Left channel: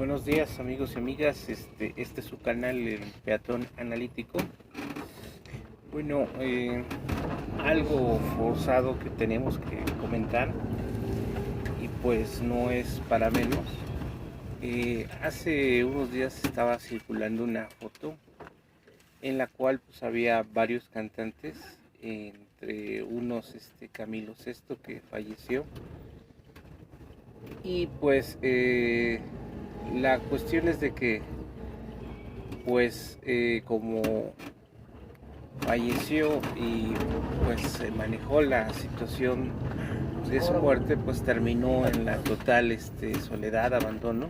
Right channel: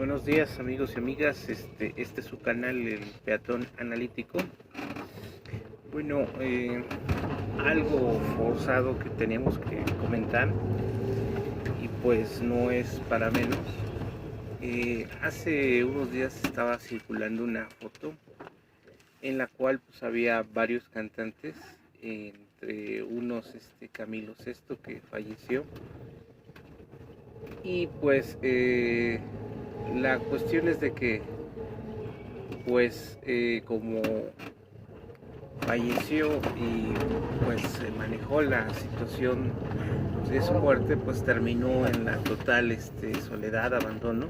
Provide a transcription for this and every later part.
Buenos días amigos y amigas, este es su canal El Peatón Analítico. Bueno, algo forzado que tenemos que comentar y pues no es para menos. Hace unos días estaba circulando una foto en la cual pues había varios cantantes, entre unos Camilo Sesto, que falleció, y pues la cuestión es de que pues como falleció y pues se manejó la situación de su muerte, pues terminó en la total soledad, abandono,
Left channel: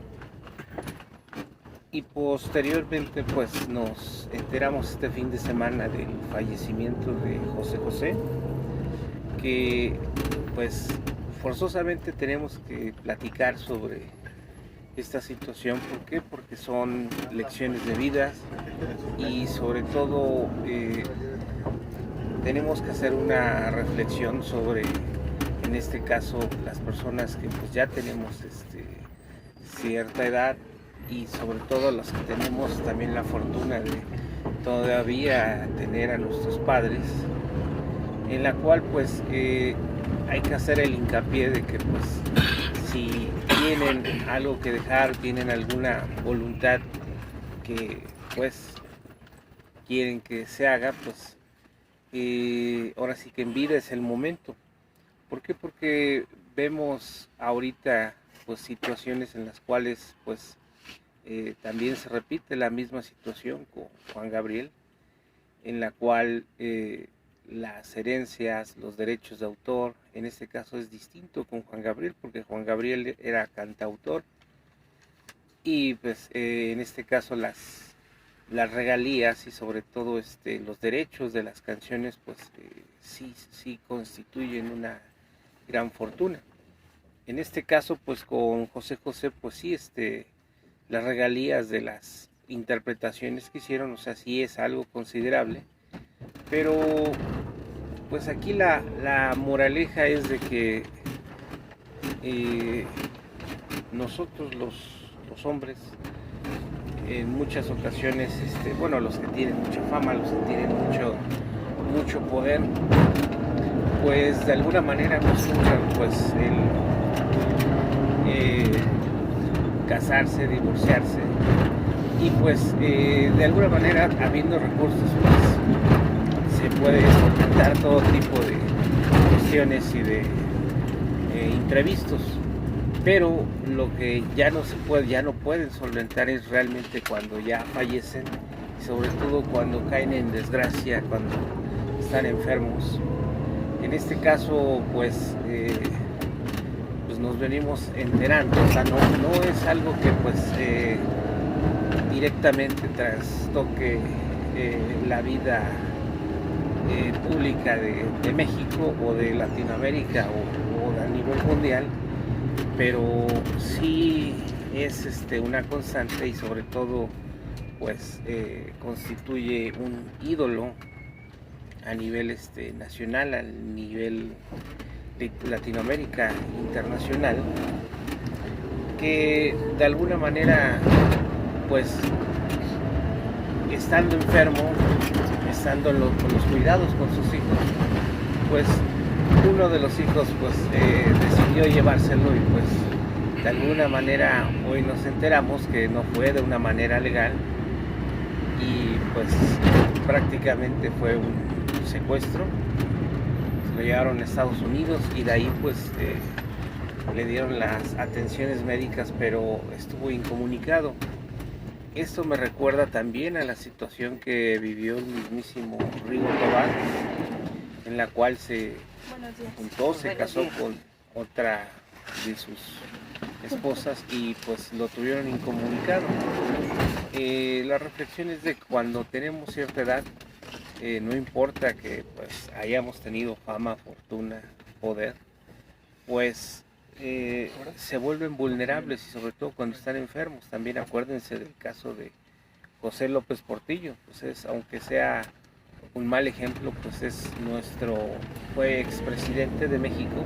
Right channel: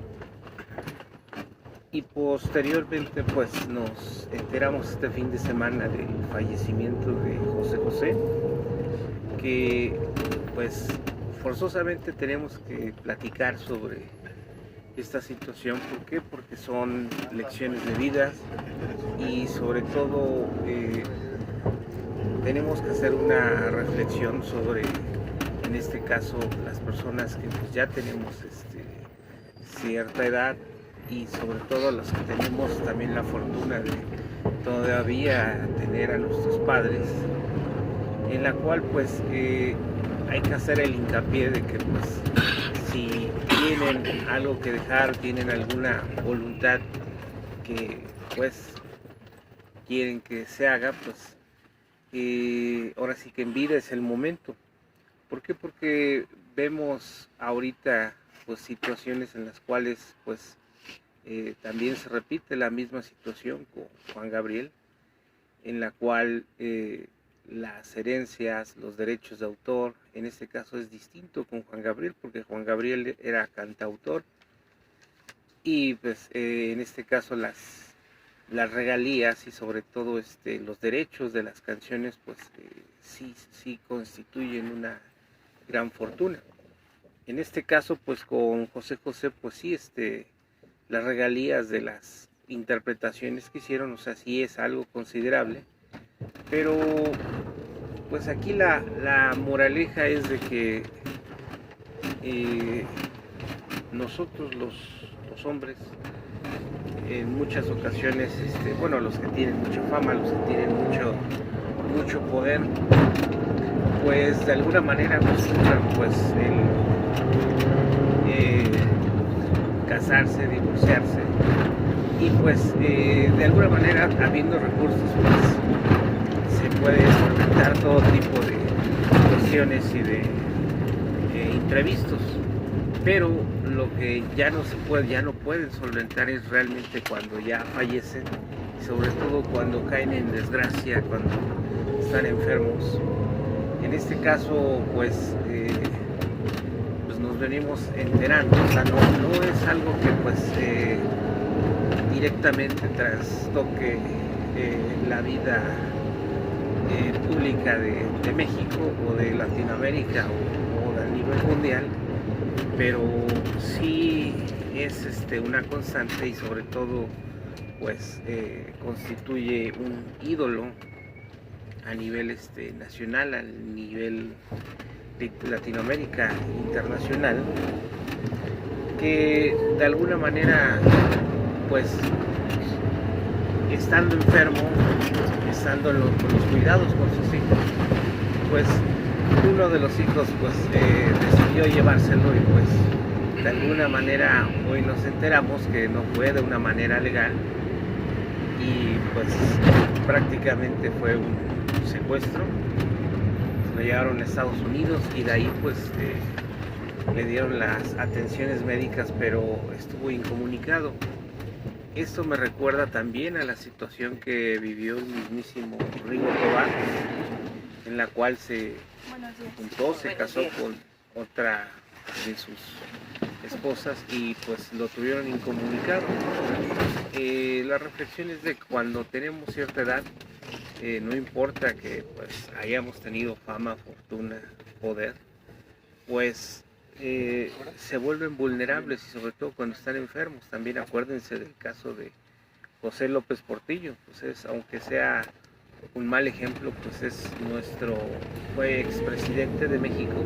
y posteriormente pues nos enteramos este fin de semana del fallecimiento de José José, que pues forzosamente tenemos que platicar sobre esta situación. ¿Por qué? Porque son lecciones de vida y sobre todo tenemos que hacer una reflexión sobre, en este caso, las personas que pues ya tenemos cierta edad, y sobre todo las que tenemos también la fortuna de todavía tener a nuestros padres, en la cual pues hay que hacer el hincapié de que pues si tienen algo que dejar, tienen alguna voluntad que pues quieren que se haga, pues ahora sí que en vida es el momento. ¿Por qué? Porque vemos ahorita pues situaciones en las cuales pues también se repite la misma situación con Juan Gabriel, en la cual las herencias, los derechos de autor, en este caso es distinto con Juan Gabriel, porque Juan Gabriel era cantautor, y pues en este caso las regalías y sobre todo los derechos de las canciones pues sí constituyen una gran fortuna. En este caso pues con José José pues sí las regalías de las interpretaciones que hicieron, o sea, sí es algo considerable, pero pues aquí la moraleja es de que nosotros los hombres en muchas ocasiones, bueno, los que tienen mucha fama, los que tienen mucho poder, pues de alguna manera acostumbran pues casarse, divorciarse, y pues de alguna manera, habiendo recursos, pues se puede solventar todo tipo de cuestiones y de imprevistos, pero lo que ya no pueden solventar es realmente cuando ya fallecen, sobre todo cuando caen en desgracia, cuando están enfermos. En este caso pues nos venimos enterando, o sea, no es algo que pues directamente trastoque la vida pública de México o de Latinoamérica o a nivel mundial, pero sí es una constante, y sobre todo pues constituye un ídolo a nivel nacional, a nivel Latinoamérica, internacional, que de alguna manera pues estando enfermo, estando con los cuidados con sus hijos, pues uno de los hijos pues decidió llevárselo, y pues de alguna manera hoy nos enteramos que no fue de una manera legal, y pues prácticamente fue un secuestro. Lo llevaron a Estados Unidos y de ahí pues le dieron las atenciones médicas, pero estuvo incomunicado. Esto me recuerda también a la situación que vivió el mismísimo Rigo Tobar, en la cual se juntó, se casó con otra de sus esposas y pues lo tuvieron incomunicado. La reflexión es de que cuando tenemos cierta edad, no importa que pues hayamos tenido fama, fortuna, poder, pues se vuelven vulnerables, y sobre todo cuando están enfermos. También acuérdense del caso de José López Portillo, pues aunque sea un mal ejemplo, pues fue expresidente de México,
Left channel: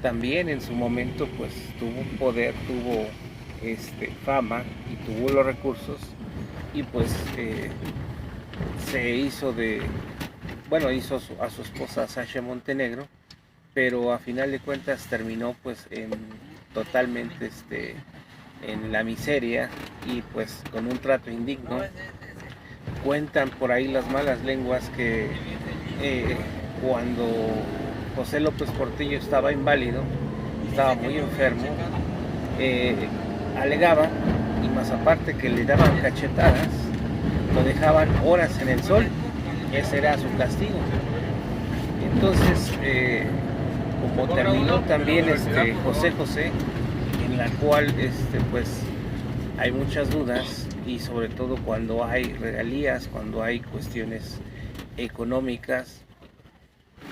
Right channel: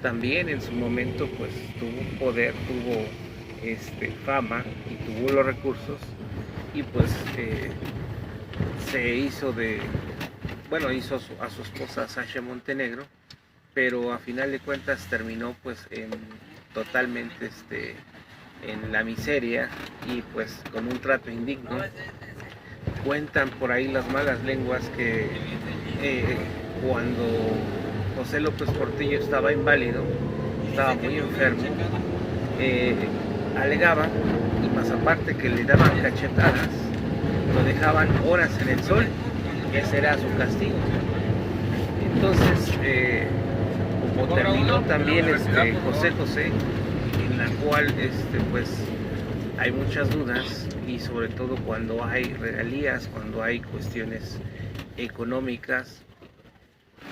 también en su momento pues tuvo poder, tuvo fama y tuvo los recursos, y pues se hizo hizo a su esposa Sasha Montenegro, pero a final de cuentas terminó pues totalmente en la miseria y pues con un trato indigno. Cuentan por ahí las malas lenguas que cuando José López Portillo estaba inválido, estaba muy enfermo, alegaba, y más aparte que le daban cachetadas, lo dejaban horas en el sol. Ese era su castigo. Entonces, como terminó también José, en la cual pues hay muchas dudas, y sobre todo cuando hay regalías, cuando hay cuestiones económicas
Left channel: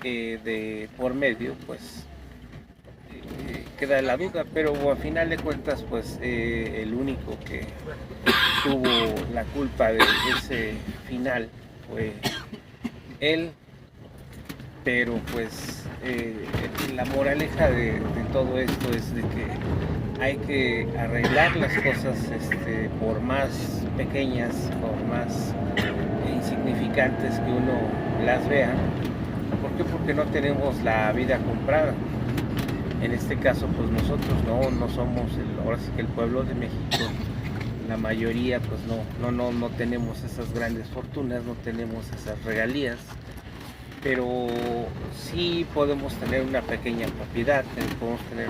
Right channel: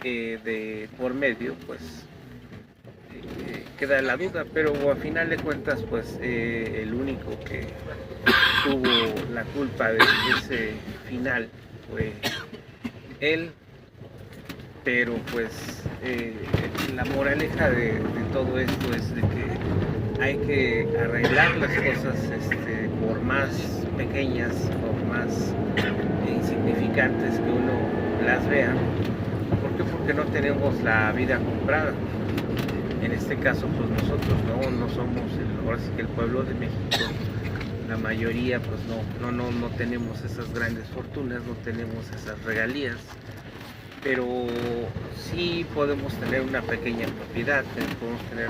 de por medio, pues queda la duda, pero a final de cuentas pues el único que tuvo la culpa de ese final fue él. Pero pues la moraleja de todo esto es de que hay que arreglar las cosas por más pequeñas, por más insignificantes que uno las vea. ¿Por qué? Porque no tenemos la vida comprada. En este caso pues nosotros no somos ahora sí que el pueblo de México, la mayoría pues no tenemos esas grandes fortunas, no tenemos esas regalías, pero sí podemos tener una pequeña propiedad, podemos tener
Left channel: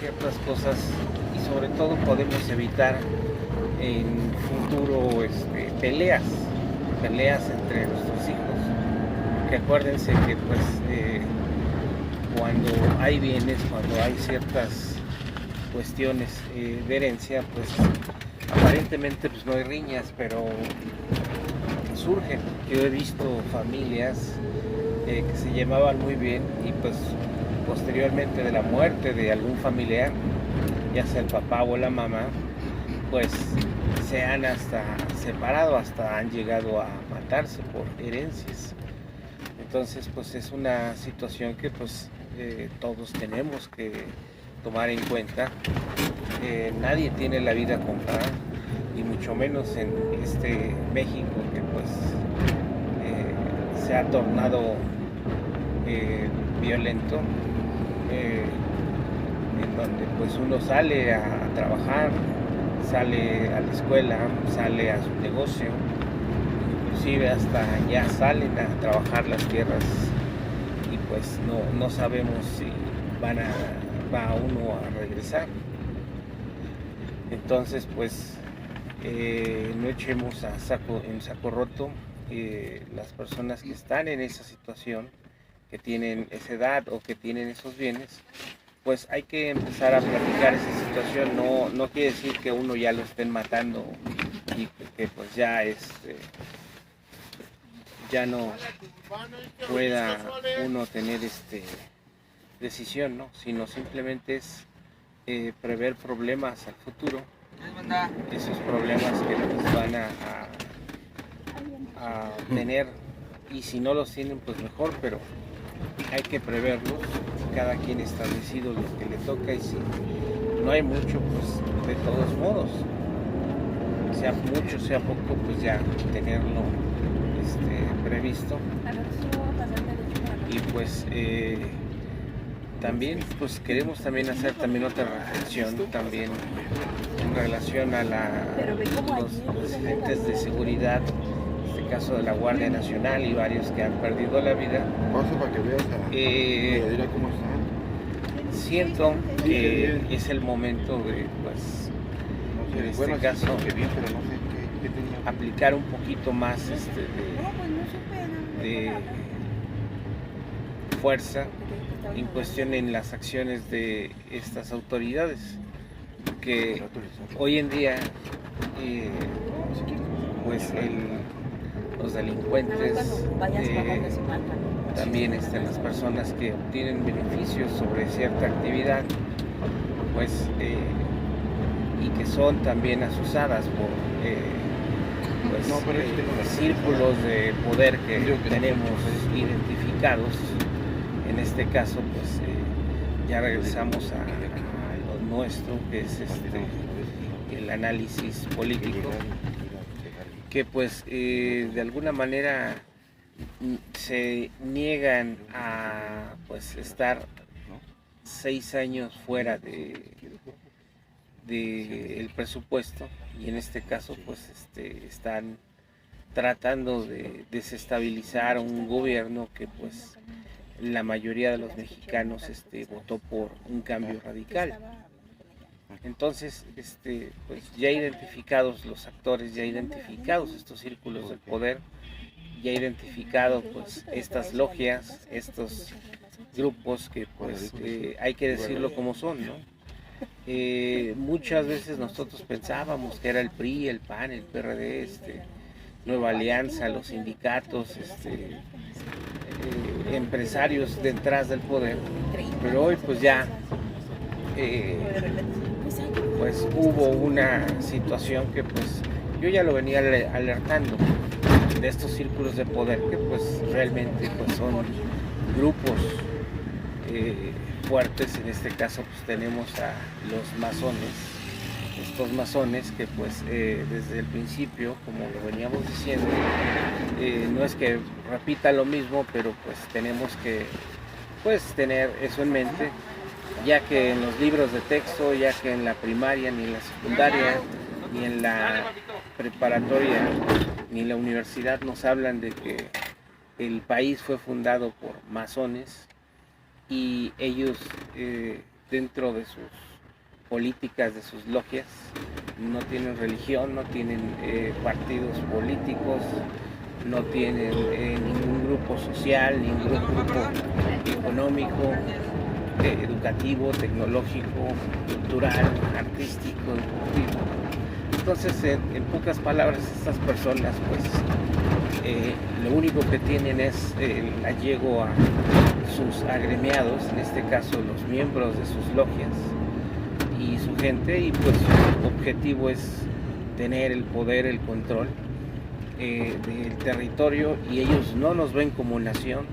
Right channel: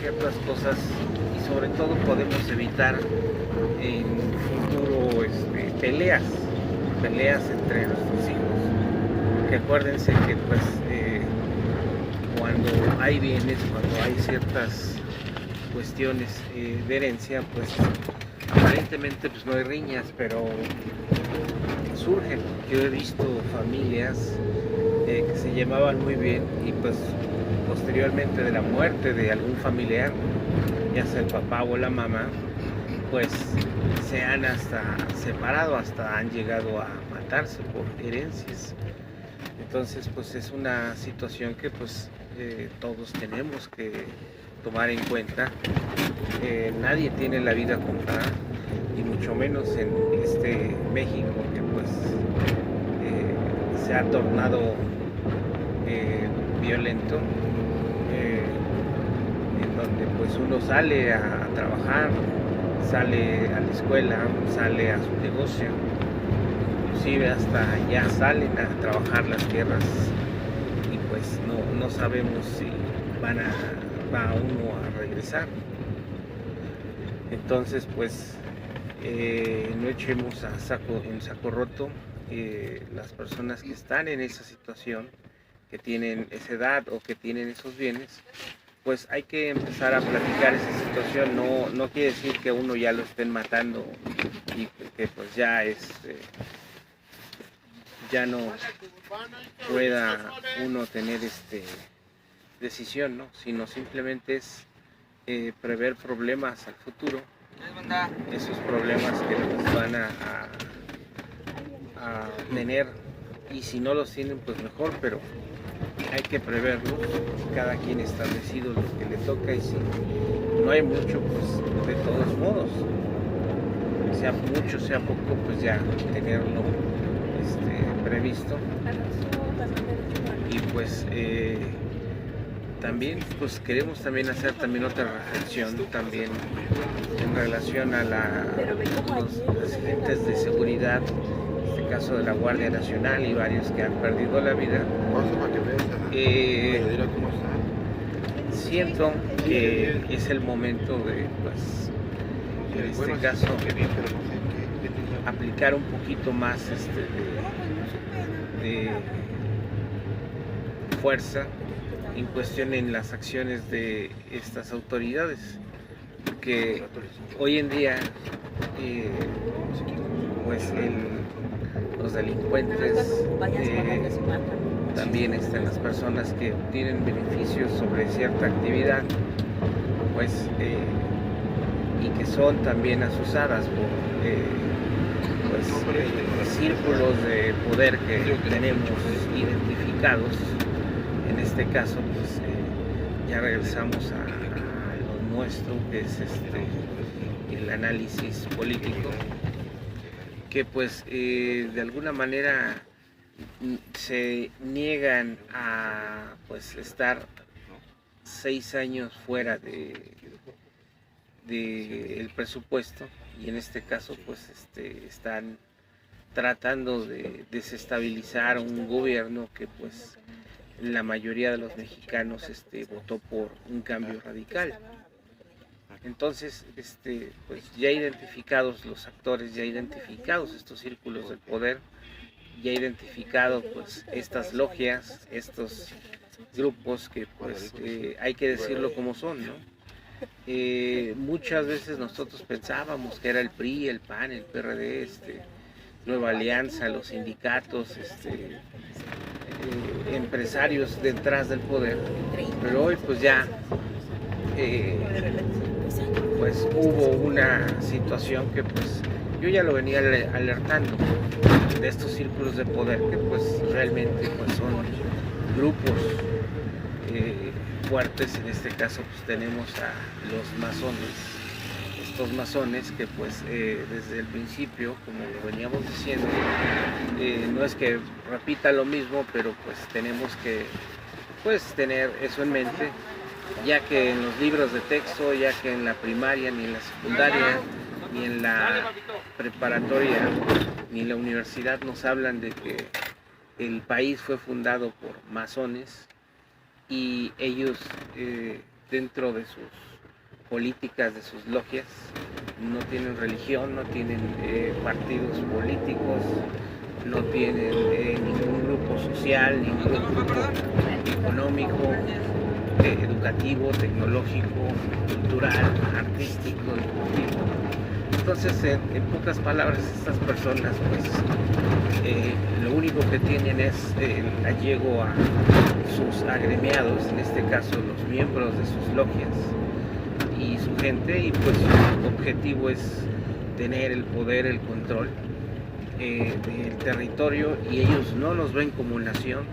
ciertas cosas, y sobre todo podemos evitar en futuro peleas entre nuestros hijos, porque acuérdense que pues cuando hay bienes, cuando hay ciertas cuestiones de herencia, pues aparentemente pues no hay riñas, pero surgen. Yo he visto familias que se llevaban muy bien, y pues posteriormente de la muerte de algún familiar, ya sea el papá o la mamá, pues se han hasta separado, hasta han llegado a matarse por herencias. Entonces pues es una situación que pues todos tenemos que tomar en cuenta. Nadie tiene la vida comprada, y mucho menos en México, que pues se ha tornado violento, en donde pues uno sale a trabajar, sale a la escuela, sale a su negocio, inclusive hasta ya salen a trabajar las tierras, y pues no sabemos si va uno a regresar. Entonces pues no echemos en saco roto. Las personas que están en esa situación, que tienen esa edad o que tienen esos bienes, pues hay que empezar a platicar esa situación. No quiere decir que uno ya lo estén matando y que pues ya ya no pueda uno tener decisión, ¿no? Sino simplemente es prever problemas al futuro, esos problemas que pues van a tener, y si no los tienen pues mejor, pero hay que preverlos. Cada quien establecido lo que le toca, y si no hay mucho pues de todos modos, sea mucho sea poco, pues ya tenerlo previsto. Y pues también pues queremos también hacer otra reflexión también en relación a los agentes de seguridad, en este caso de la Guardia Nacional y varios que han perdido la vida. Siento que es el momento de pues en este caso aplicar un poquito más de fuerza en cuestión en las acciones de estas autoridades, que hoy en día pues los delincuentes, también las personas que obtienen beneficios sobre cierta actividad, pues y que son también asusadas por círculos de poder que tenemos identificados. En este caso pues ya regresamos a lo nuestro, que es el análisis político, que pues de alguna manera se niegan a pues estar 6 años fuera del presupuesto, y en este caso pues están tratando de desestabilizar un gobierno que pues la mayoría de los mexicanos votó por un cambio radical. Entonces, pues ya identificados los actores, ya identificados estos círculos del poder, ya identificados pues estas logias, estos grupos que pues hay que decirlo como son, ¿no? Muchas veces nosotros pensábamos que era el PRI, el PAN, el PRD, Nueva Alianza, los sindicatos, empresarios detrás del poder, pero hoy pues ya pues hubo una situación que pues yo ya lo venía alertando de estos círculos de poder, que pues realmente pues son grupos fuertes. En este caso pues tenemos a los masones, estos masones que pues desde el principio, como lo veníamos diciendo, no es que repita lo mismo, pero pues tenemos que pues tener eso en mente, ya que en los libros de texto, ya que en la primaria, ni en la secundaria, ni en la preparatoria, ni en la universidad nos hablan de que el país fue fundado por masones, y ellos dentro de sus políticas, de sus logias, no tienen religión, no tienen partidos políticos, no tienen ningún grupo social, ningún grupo económico, educativo, tecnológico, cultural, artístico, deportivo. Entonces, en pocas palabras, estas personas pues lo único que tienen es el allego a sus agremiados, en este caso los miembros de sus logias y su gente, y pues su objetivo es tener el poder, el control del territorio, y ellos no nos ven como nación,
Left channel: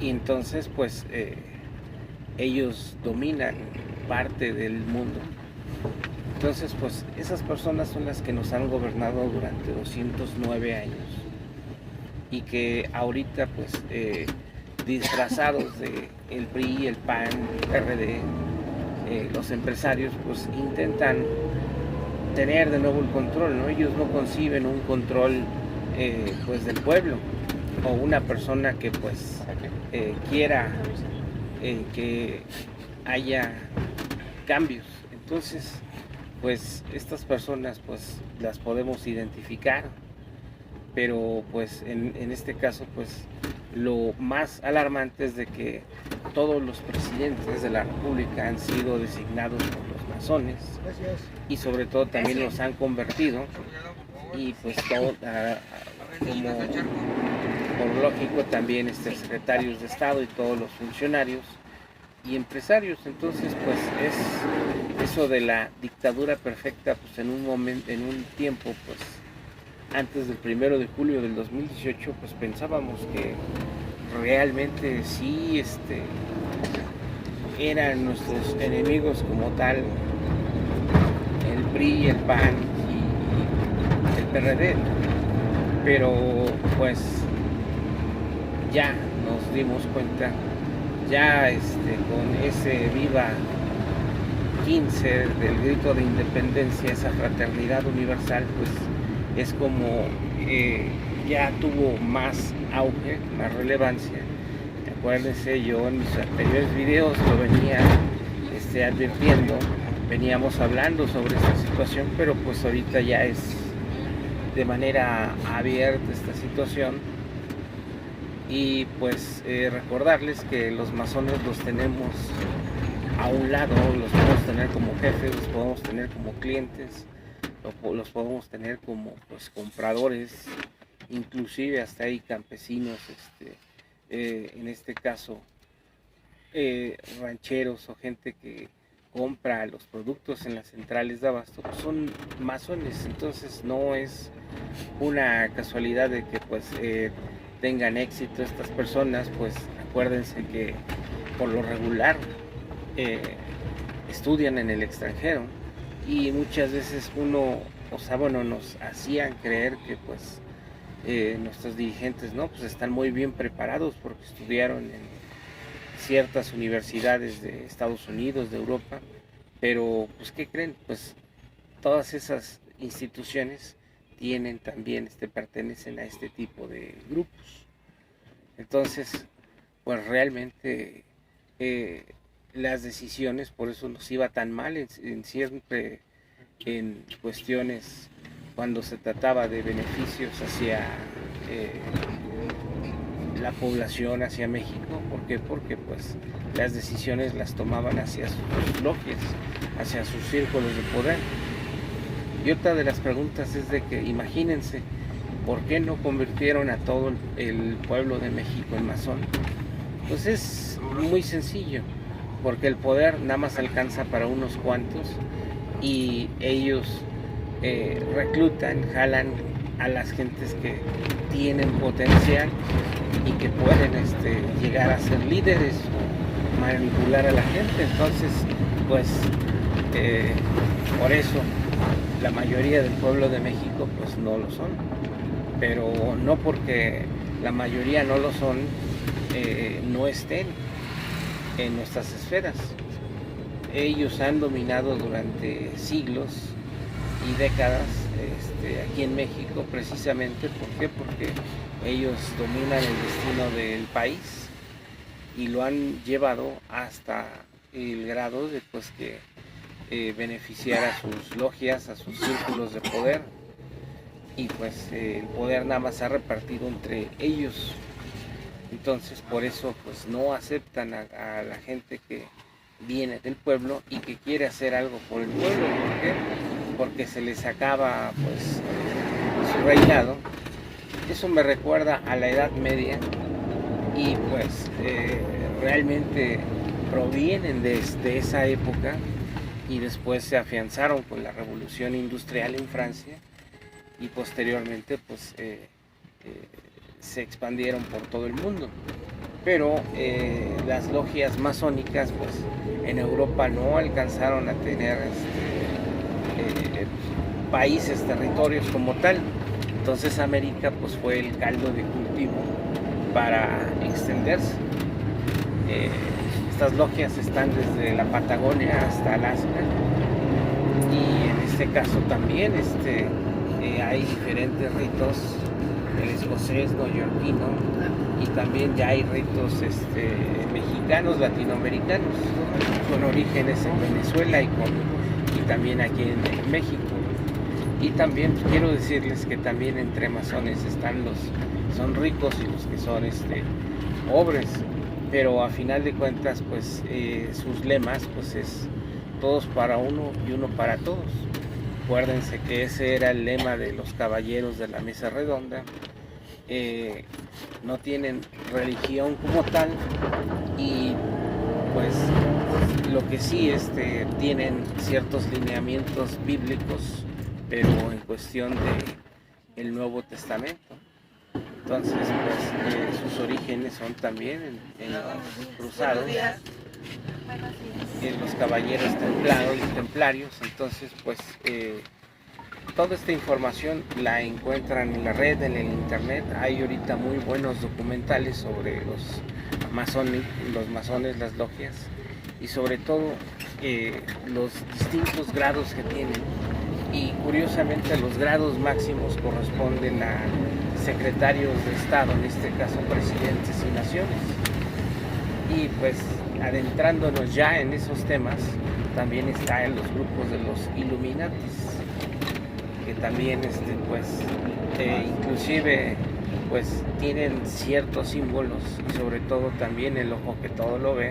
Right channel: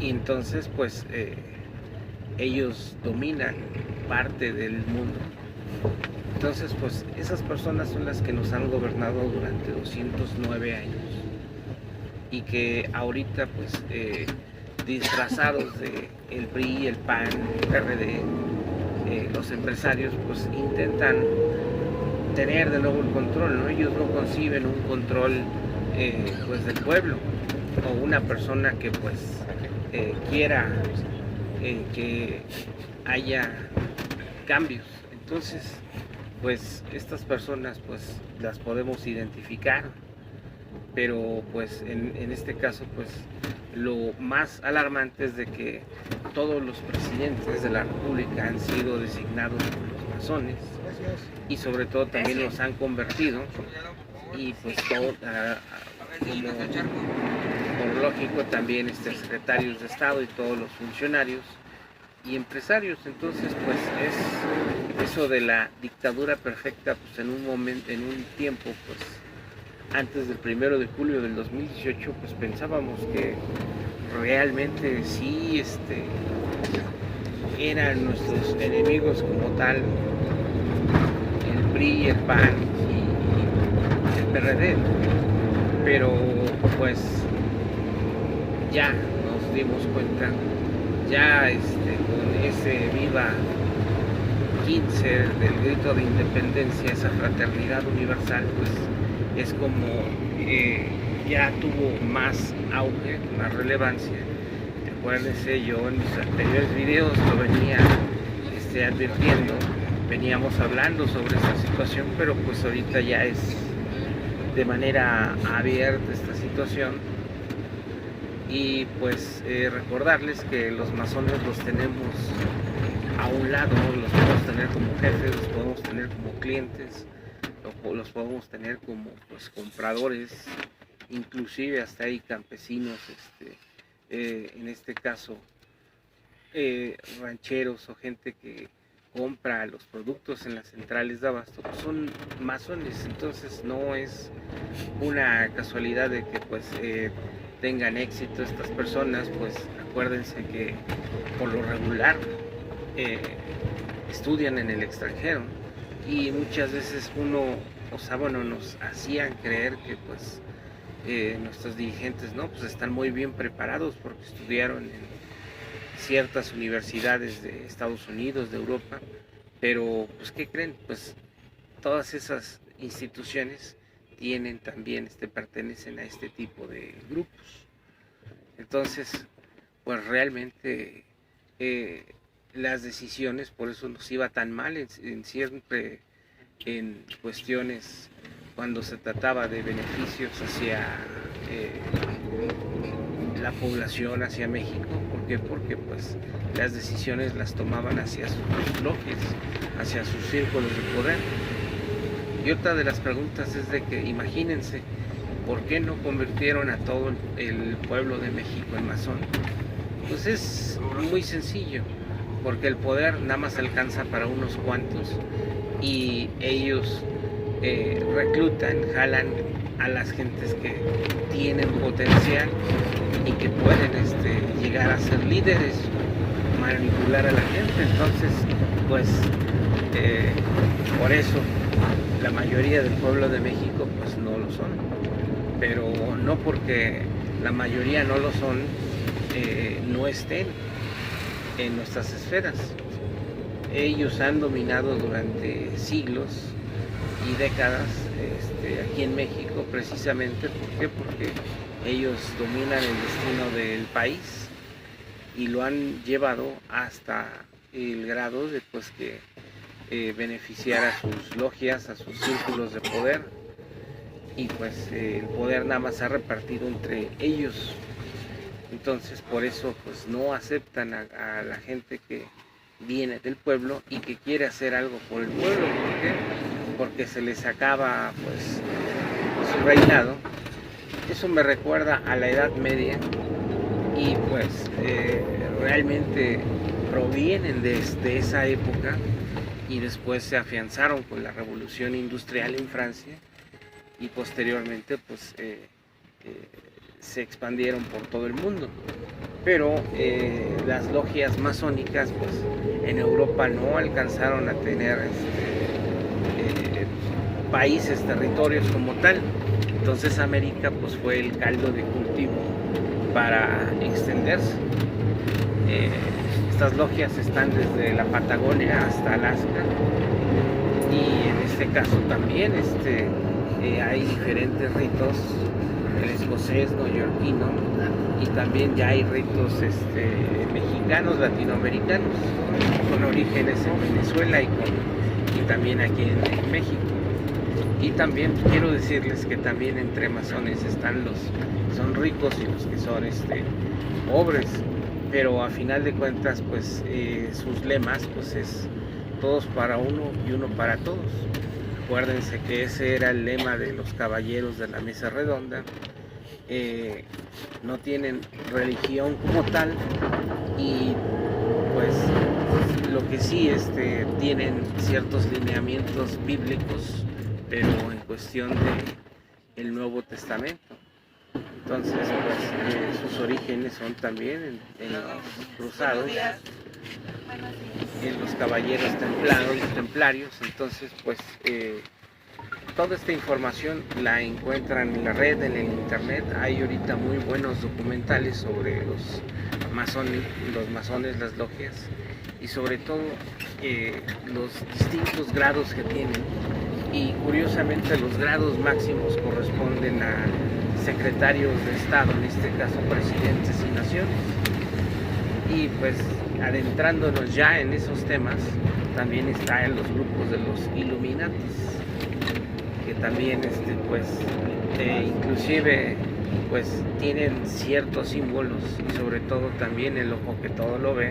y entonces pues ellos dominan parte del mundo. Entonces pues esas personas son las que nos han gobernado durante 209 años, y que ahorita pues disfrazados de el PRI, el PAN, el PRD, los empresarios pues intentan tener de nuevo el control, ¿no? Ellos no conciben un control pues del pueblo, o una persona que pues quiera que haya cambios. Entonces pues estas personas pues las podemos identificar, pero pues en este caso pues lo más alarmante es de que todos los presidentes de la República han sido designados por los masones, y sobre todo también los han convertido, y pues todo como por lógico también secretarios de Estado y todos los funcionarios y empresarios. Entonces pues es eso de la dictadura perfecta, pues en un momento, en un tiempo pues antes del 1 de julio del 2018 pues pensábamos que realmente sí eran nuestros enemigos como tal, el PRI, el PAN y el PRD, pero pues ya nos dimos cuenta, ya con ese viva 15 del grito de independencia, esa fraternidad universal, pues es como ya tuvo más auge, más relevancia. Acuérdense, yo en mis anteriores videos lo venía advirtiendo, veníamos hablando sobre esta situación, pero pues ahorita ya es de manera abierta esta situación. Y pues recordarles que los masones los tenemos a un lado, los podemos tener como jefes, los podemos tener como clientes, los podemos tener como pues compradores, inclusive hasta hay campesinos, en este caso rancheros o gente que compra los productos en las centrales de abasto, pues son masones. Entonces no es una casualidad de que pues tengan éxito estas personas. Pues acuérdense que por lo regular estudian en el extranjero, y muchas veces nos hacían creer que pues nuestros dirigentes, ¿no? Pues están muy bien preparados porque estudiaron en ciertas universidades de Estados Unidos, de Europa, pero pues ¿qué creen? Pues todas esas instituciones tienen también, pertenecen a este tipo de grupos. Entonces, pues realmente las decisiones, por eso nos iba tan mal siempre en cuestiones cuando se trataba de beneficios hacia la población, hacia México. ¿Por qué? Porque pues las decisiones las tomaban hacia sus logias, hacia sus círculos de poder. Y otra de las preguntas es de que imagínense, ¿por qué no convirtieron a todo el pueblo de México en masón? Pues es muy sencillo, porque el poder nada más alcanza para unos cuantos y ellos reclutan, jalan a las gentes que tienen potencial y que pueden llegar a ser líderes, manipular a la gente. Entonces, pues por eso la mayoría del pueblo de México pues no lo son, pero no porque la mayoría no lo son, no estén en nuestras esferas. Ellos han dominado durante siglos y décadas aquí en México, precisamente. ¿Por qué? Porque ellos dominan el destino del país y lo han llevado hasta el grado de pues que beneficiar a sus logias, a sus círculos de poder, y pues el poder nada más se ha repartido entre ellos. Entonces por eso pues no aceptan a la gente que viene del pueblo y que quiere hacer algo por el pueblo. ¿Por qué? Porque se les acaba pues su reinado. Eso me recuerda a la Edad Media y pues realmente provienen de esa época y después se afianzaron con la Revolución Industrial en Francia y posteriormente pues se expandieron por todo el mundo. Pero las logias masónicas pues en Europa no alcanzaron a tener países, territorios como tal. Entonces América pues fue el caldo de cultivo para extenderse. Estas logias están desde la Patagonia hasta Alaska y en este caso también hay diferentes ritos, el escocés, neoyorquino, y también ya hay ritos mexicanos, latinoamericanos, con orígenes en Venezuela y también aquí en México. Y también quiero decirles que también entre masones están los que son ricos y los que son pobres, pero a final de cuentas pues sus lemas pues es todos para uno y uno para todos. Acuérdense que ese era el lema de los caballeros de la mesa redonda. No tienen religión como tal y pues lo que sí tienen ciertos lineamientos bíblicos, pero en cuestión del Nuevo Testamento. Entonces pues sus orígenes son también en los cruzados, en los caballeros templarios. Entonces pues toda esta información la encuentran en la red, en el internet. Hay ahorita muy buenos documentales sobre los masones, las logias, y sobre todo los distintos grados que tienen. Y curiosamente los grados máximos corresponden a secretarios de Estado, en este caso presidentes y naciones. Y pues adentrándonos ya en esos temas, también están los grupos de los Illuminatis, que también inclusive pues tienen ciertos símbolos y sobre todo también el ojo que todo lo ve.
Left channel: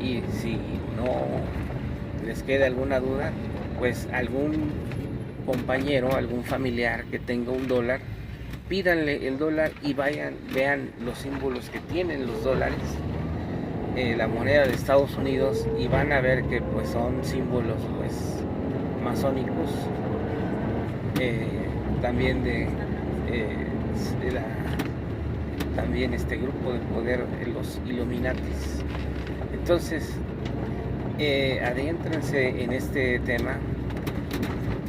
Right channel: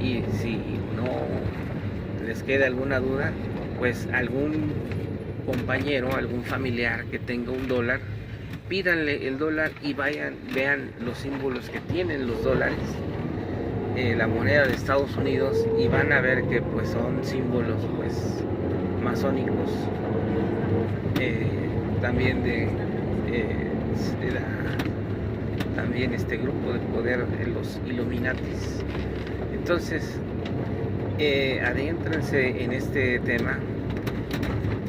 Y si no les queda alguna duda, pues algún compañero, algún familiar que tenga $1, pídanle el dólar y vean los símbolos que tienen los dólares, la moneda de Estados Unidos, y van a ver que pues son símbolos pues masónicos, también también este grupo de poder, los Illuminatis. Entonces Adéntrense en este tema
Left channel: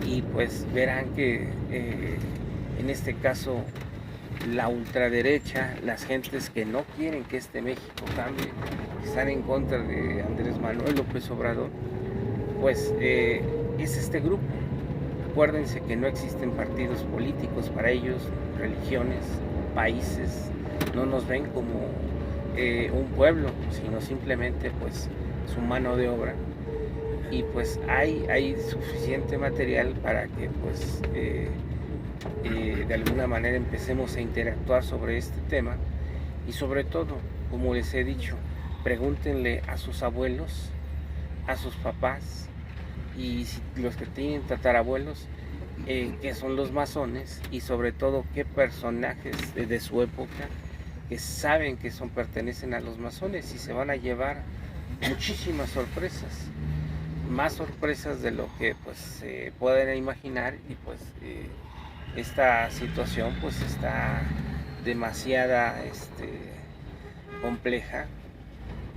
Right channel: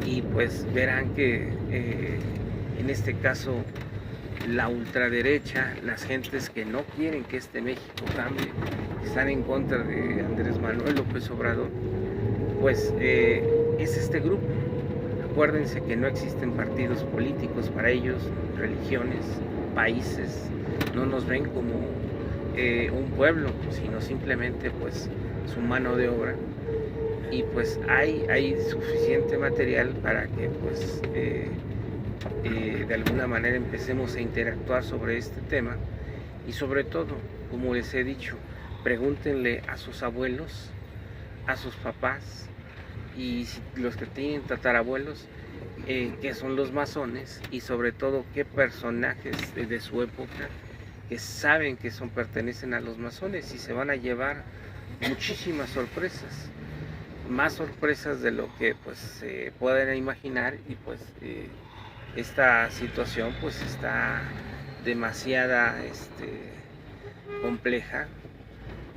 y pues verán que en este caso la ultraderecha, las gentes que no quieren que este México cambie, están en contra de Andrés Manuel López Obrador, pues es este grupo. Acuérdense que no existen partidos políticos para ellos, religiones, países, no nos ven como un pueblo, sino simplemente pues su mano de obra. Y pues hay suficiente material para que pues de alguna manera empecemos a interactuar sobre este tema. Y sobre todo, como les he dicho, pregúntenle a sus abuelos, a sus papás y los que tienen tatarabuelos, qué son los masones y sobre todo qué personajes de su época que saben que pertenecen a los masones, y se van a llevar muchísimas sorpresas, más sorpresas de lo que pues se pueden imaginar. Y pues esta situación pues está demasiada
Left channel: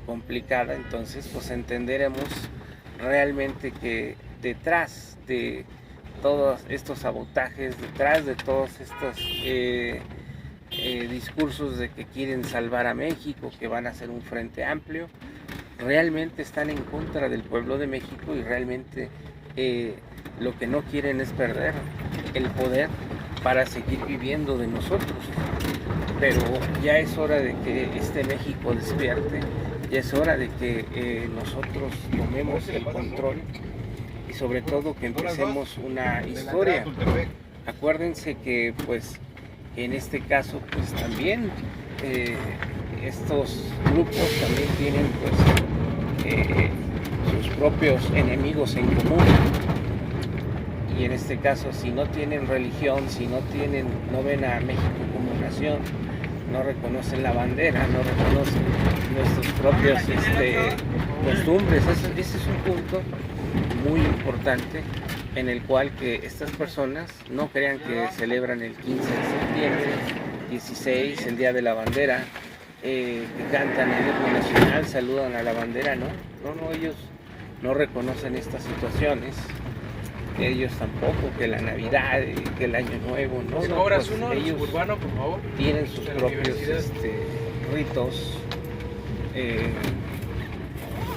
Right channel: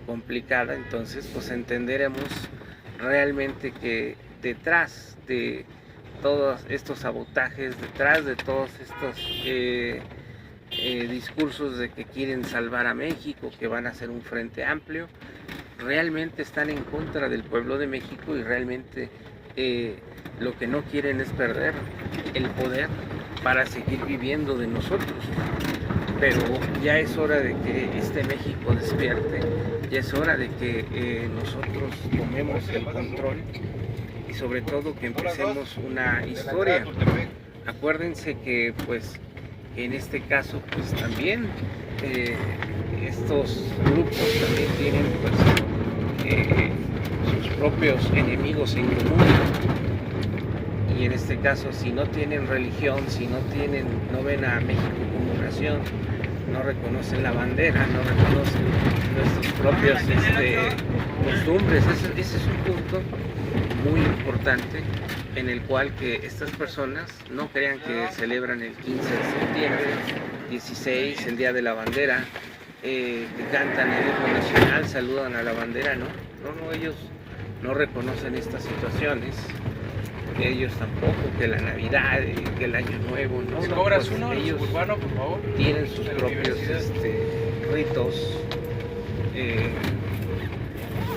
complicada. Entonces pues entenderemos realmente que detrás de todos estos sabotajes, detrás de todos estos discursos de que quieren salvar a México, que van a hacer un frente amplio, realmente están en contra del pueblo de México, y realmente lo que no quieren es perder el poder para seguir viviendo de nosotros. Pero ya es hora de que este México despierte, ya es hora de que nosotros tomemos el control y sobre todo que empecemos una historia. Acuérdense que pues en este caso pues también estos grupos también tienen pues sus propios enemigos en común, y en este caso si no tienen religión, si no ven a México como nación, no reconocen la bandera, no reconocen nuestros propios costumbres. Ese es un punto muy importante en el cual que estas personas no crean que celebran el 15 de septiembre, 16, el Día de la Bandera, que cantan el himno nacional, saludan a la bandera. No, ellos no reconocen estas situaciones, ellos tampoco, que la Navidad, que el Año Nuevo, no, pues ellos tienen sus propios ritos,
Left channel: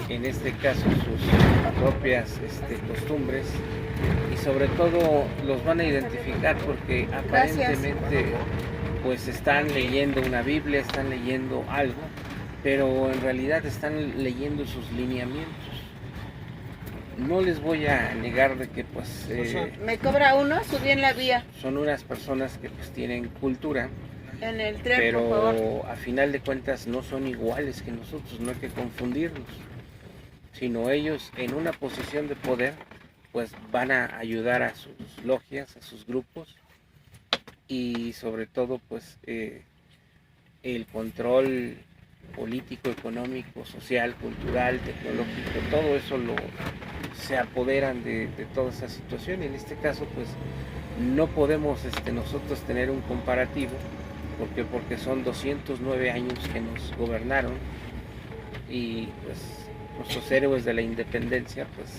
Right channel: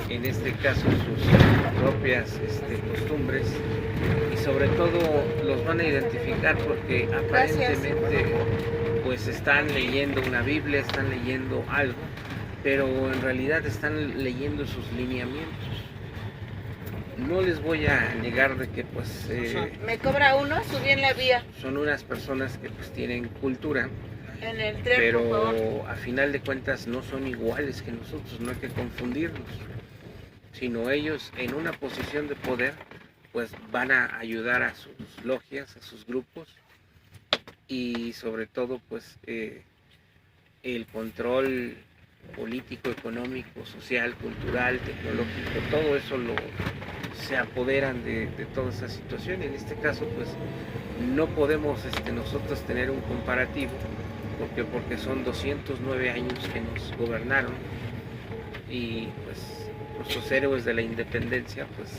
en este caso sus propias costumbres, y sobre todo los van a identificar porque aparentemente pues están leyendo una Biblia, están leyendo algo, pero en realidad están leyendo sus lineamientos. No les voy a negar de que pues me cobra uno, subí en la vía. Son unas personas que pues tienen cultura, en el tren, pero a final de cuentas no son iguales que nosotros, no hay que confundirlos, sino ellos en una posición de poder pues van a ayudar a sus logias, a sus grupos, y sobre todo pues el control político, económico, social, cultural, tecnológico, todo eso se apoderan de toda esa situación. Y en este caso pues no podemos nosotros tener un comparativo porque son 209 años que nos gobernaron, y pues nuestros héroes de la independencia pues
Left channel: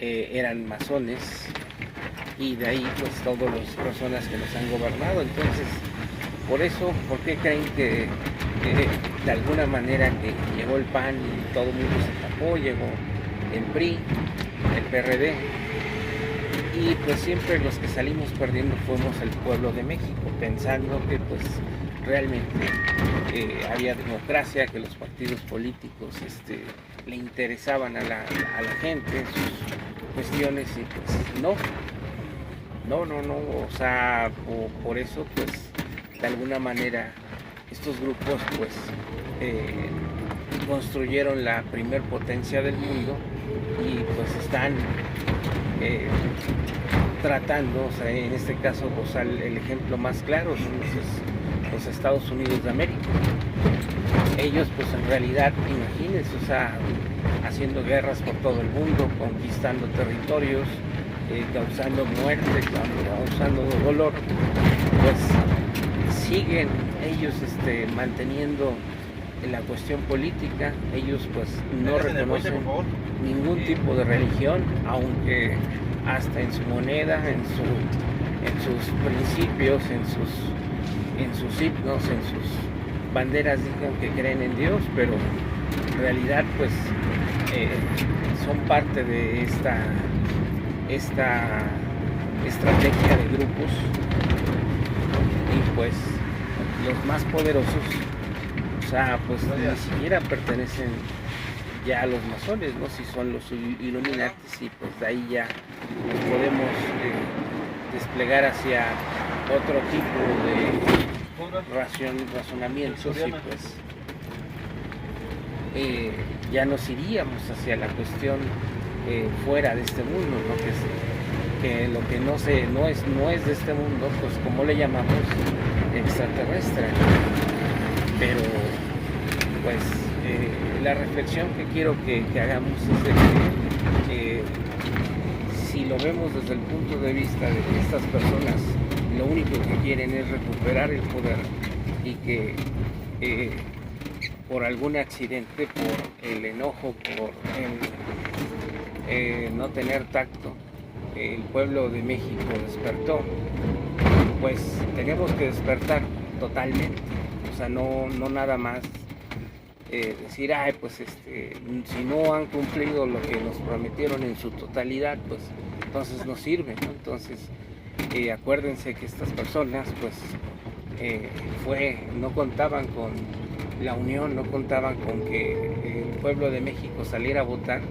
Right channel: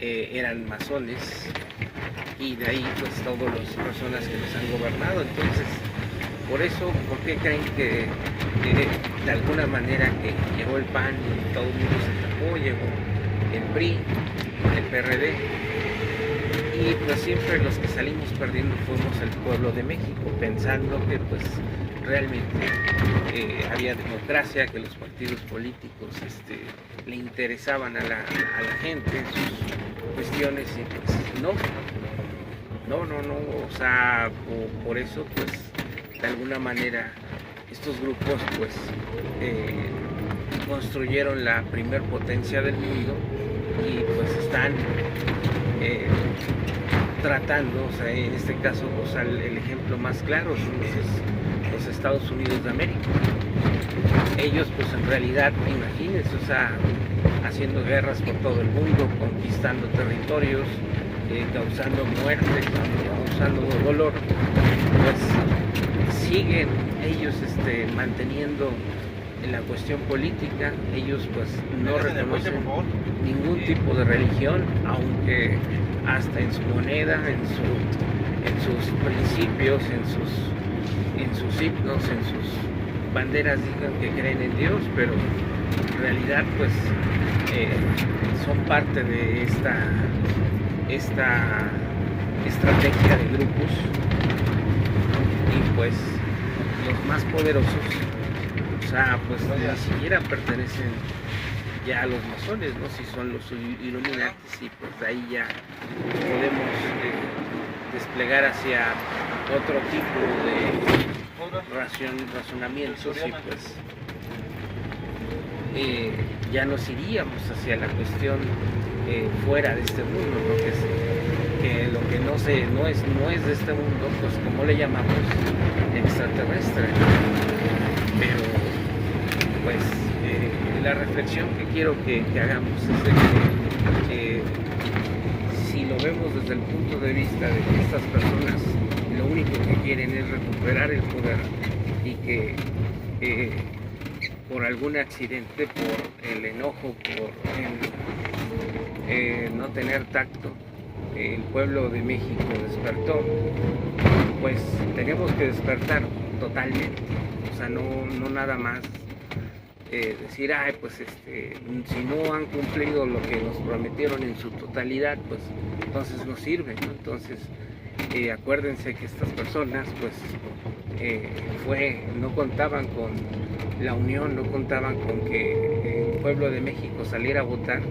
eran masones, y de ahí pues todas las personas que nos han gobernado. Entonces por eso, ¿por qué creen que de alguna manera que llegó el PAN y todo el mundo se tapó, llegó el PRI, el PRD, y pues siempre los que salimos perdiendo fuimos el pueblo de México, pensando que pues realmente había democracia, que los partidos políticos le interesaban a la gente en sus cuestiones, y pues no, o sea, por eso pues de alguna manera estos grupos pues construyeron la primer potencia del mundo, y pues están tratando, o sea, en este caso pues, el ejemplo más claro son los Estados Unidos de América. Ellos pues en realidad, imagínense, o sea, haciendo guerras por todo el mundo, conquistando territorios, causando muerte, causando dolor, pues siguen ellos manteniendo la cuestión política. Ellos pues no reconocen ningún tipo de religión, aunque hasta en su moneda, en sus principios, en sus himnos, en sus banderas digan que creen en Dios, pero en realidad pues son parte de esta estrategia de grupos, y pues los más poderosos, o sea, pues ni siquiera pertenecen ya a los masones, ¿no? Si son los Illuminatis, y pues de ahí ya podemos desplegar hacia otro tipo de razonamientos, y pues ya nos iríamos hacia la cuestión fuera de este mundo, ¿no? Que lo que no es de este mundo, pues como le llamamos, extraterrestre. Pero pues la reflexión que quiero que hagamos es de que si lo vemos desde el punto de vista de que estas personas lo único que quieren es recuperar el poder, y que por algún accidente, por el enojo, por el no tener tacto, el pueblo de México despertó, pues tenemos que despertar totalmente. O sea, no nada más decir, pues si no han cumplido lo que nos prometieron en su totalidad, pues entonces no sirve, ¿no? Entonces acuérdense que estas personas pues no contaban con la unión, no contaban con que el pueblo de México saliera a votar,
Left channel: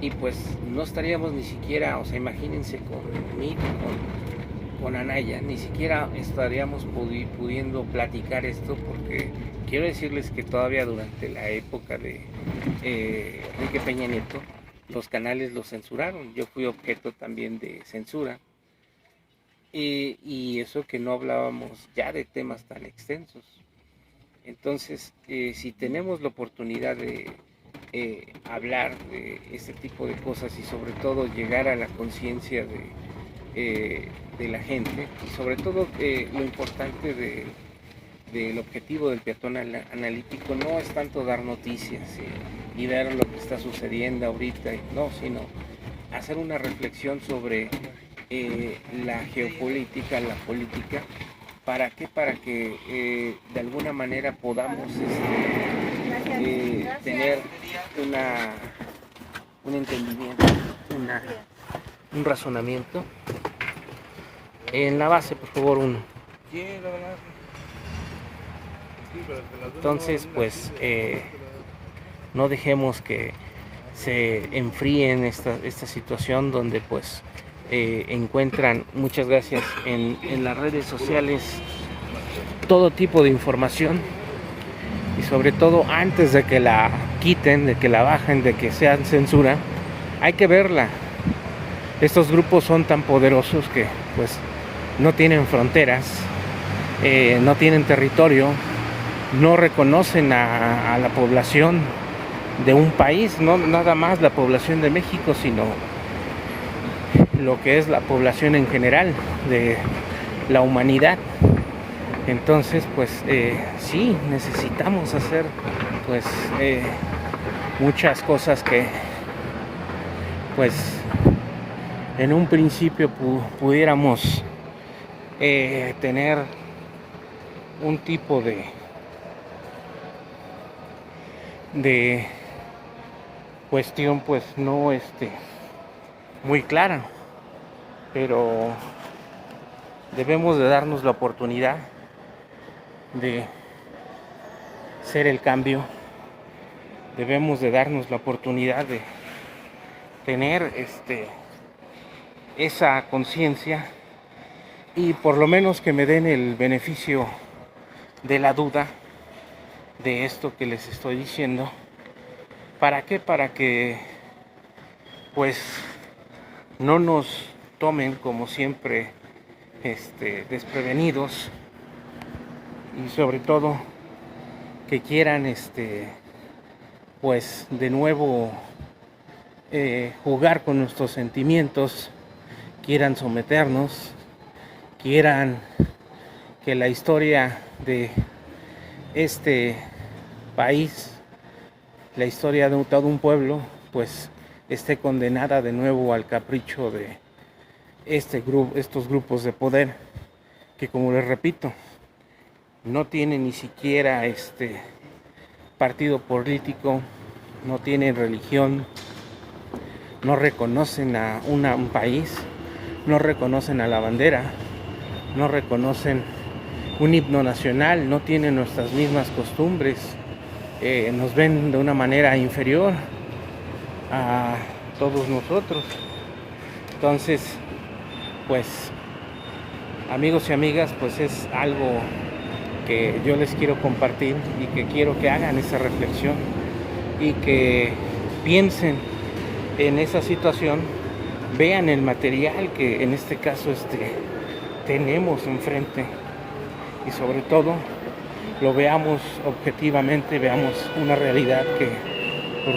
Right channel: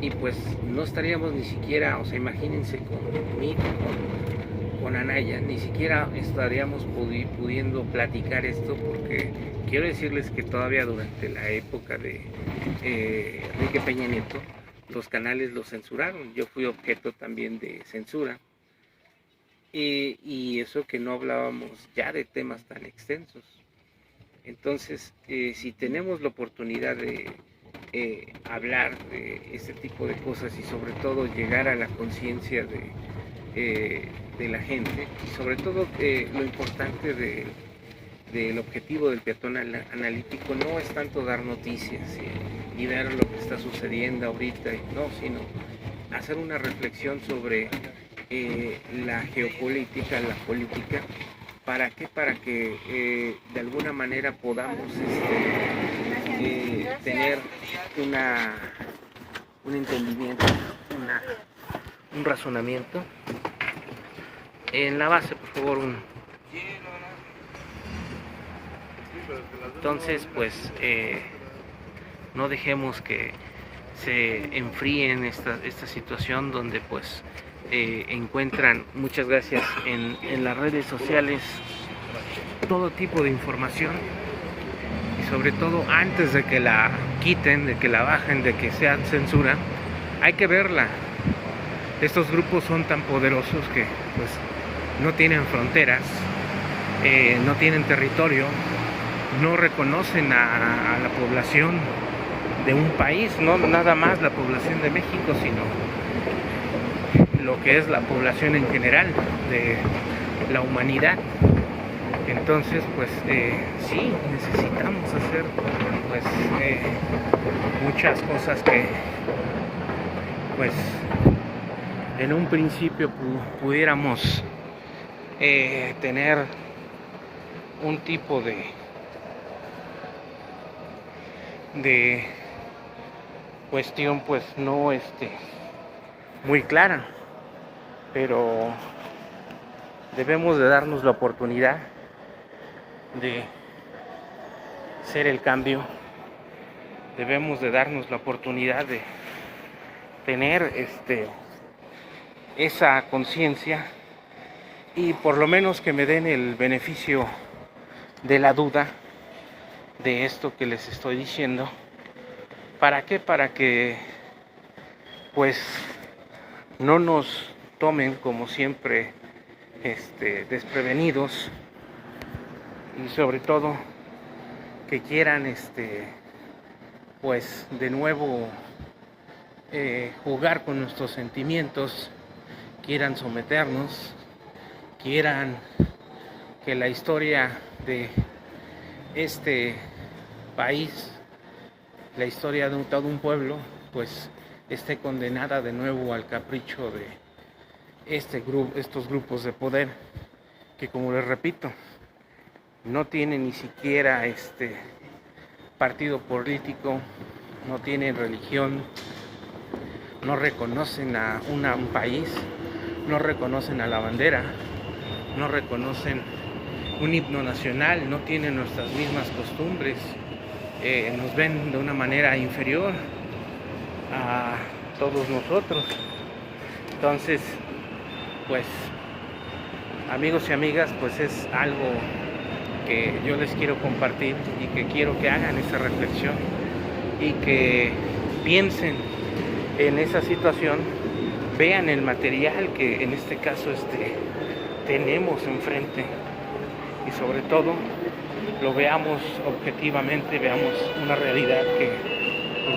y pues no estaríamos ni siquiera, o sea, imagínense con Anaya, ni siquiera estaríamos pudiendo platicar esto, porque quiero decirles que todavía durante la época de Enrique Peña Nieto, los canales los censuraron. Yo fui objeto también de censura, y eso que no hablábamos ya de temas tan extensos. Entonces, si tenemos la oportunidad de hablar de este tipo de cosas, y sobre todo llegar a la conciencia de la gente, y sobre todo lo importante del objetivo del peatón analítico no es tanto dar noticias y ver lo que está sucediendo ahorita, no, sino hacer una reflexión sobre la geopolítica, la política. ¿Para qué? Para que de alguna manera podamos tener un entendimiento, un razonamiento. En la base, por favor, Entonces, pues, no dejemos que se enfríe en esta situación donde, pues, encuentran, muchas gracias, en las redes sociales todo tipo de información, y sobre todo antes de que la quiten, de que la bajen, de que sean censura, hay que verla. Estos grupos son tan poderosos que pues no tienen fronteras, no tienen territorio, no reconocen a la población de un país, no nada más la población de México, sino lo que es la población en general de la humanidad. Entonces, pues sí, necesitamos hacer pues muchas cosas que pues en un principio pudiéramos tener un tipo de cuestión pues no muy clara, pero debemos de darnos la oportunidad de ser el cambio. Debemos de darnos la oportunidad de tener esa conciencia, y por lo menos que me den el beneficio de la duda de esto que les estoy diciendo. ¿Para qué? Para que pues no nos tomen como siempre desprevenidos, y sobre todo que quieran pues de nuevo jugar con nuestros sentimientos, quieran someternos, quieran que la historia de país, la historia de todo un pueblo, pues esté condenada de nuevo al capricho de estos grupos de poder, que, como les repito, no tienen ni siquiera partido político, no tienen religión, no reconocen a un país, no reconocen a la bandera, no reconocen un himno nacional, no tienen nuestras mismas costumbres, nos ven de una manera inferior a todos nosotros. Entonces, pues, amigos y amigas, pues es algo que yo les quiero compartir y que quiero que hagan esa reflexión y que piensen en esa situación, vean el material que en este caso tenemos enfrente y sobre todo lo veamos objetivamente, veamos una realidad que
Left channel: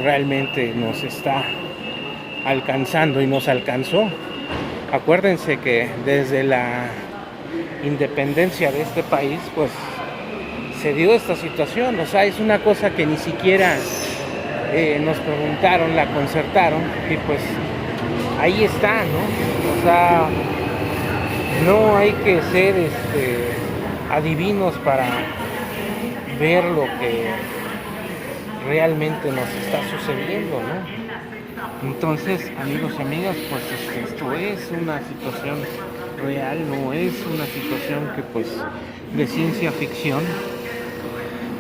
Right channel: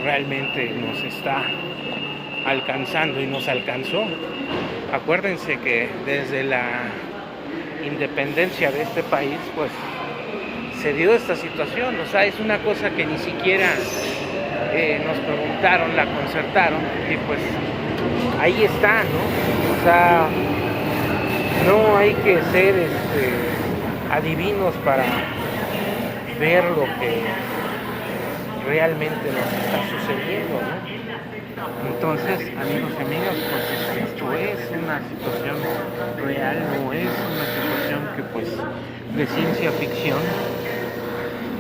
realmente nos está alcanzando y nos alcanzó. Acuérdense que desde la independencia de este país, pues se dio esta situación, o sea, es una cosa que ni siquiera nos preguntaron, la concertaron y pues ahí está, ¿no? O sea, no hay que ser adivinos para ver lo que realmente nos está sucediendo, ¿no? Entonces, amigos y amigas, pues esto es una situación real, no es una situación que pues de ciencia ficción,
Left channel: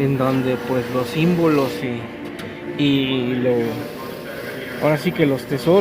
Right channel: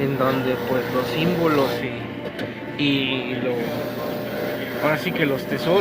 en donde pues los símbolos ahora sí que los tesoros